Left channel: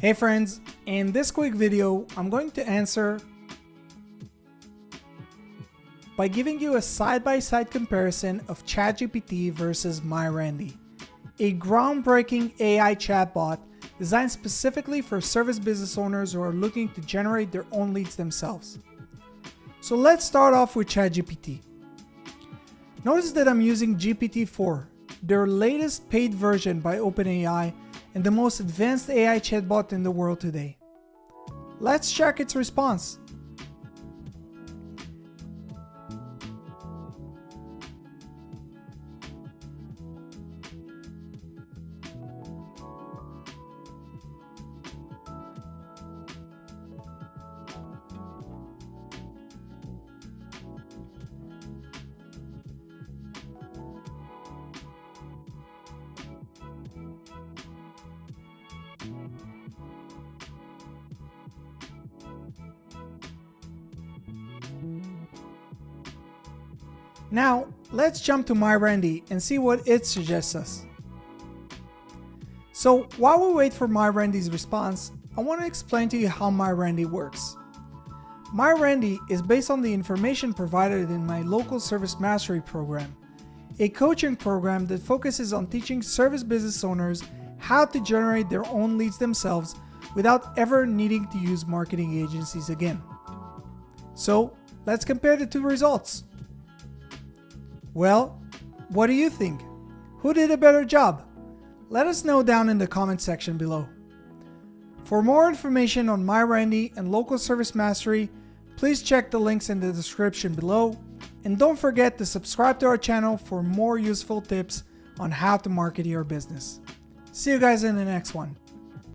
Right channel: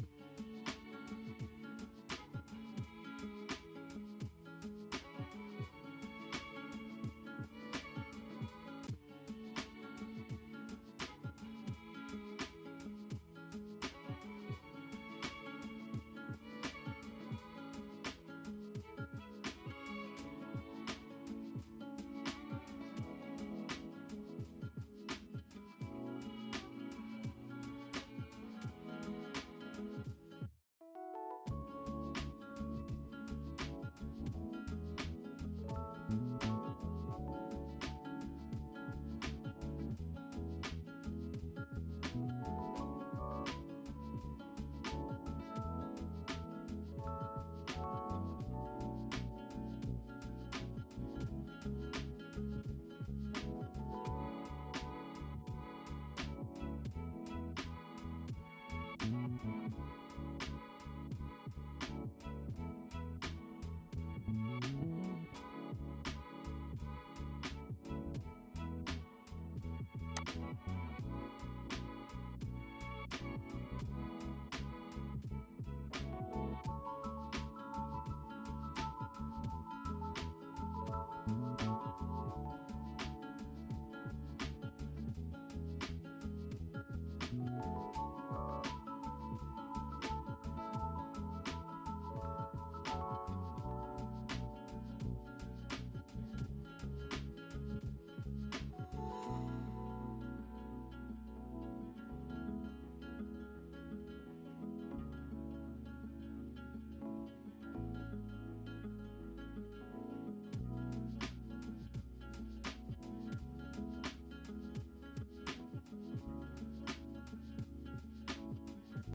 Hey friends, in this quick video, I'm going to answer by giving you a side-by-side comparison of ChatGPT versus MyRandy, a groundbreaking AI chatbot designed specifically for service business owners who are looking to generate their own leads themselves. So let's start off with ChatGPT. Notice that I'm using GPT-4, their latest paid version by OpenAI and the most advanced AI chatbot in the world today. Let's check its response. Now, let's jump to MyRandy and see what it suggests us. So, while we wait for MyRandy's response, I want to explain to you how MyRandy works. MyRandy is based on the information provided in my local service mastery program, a coaching program that focuses on teaching service business owners how to generate their own leads themselves without ever needing to use marketing agencies again. So, let's compare the two results. Well, what do you think? Who did a better job? Let us know down in the comment section below. For more information on MyRandy and Local Service Mastery, please check the links in the description below, and don't forget to subscribe to our channel for more useful tips on how to market your business. See you guys in the next one.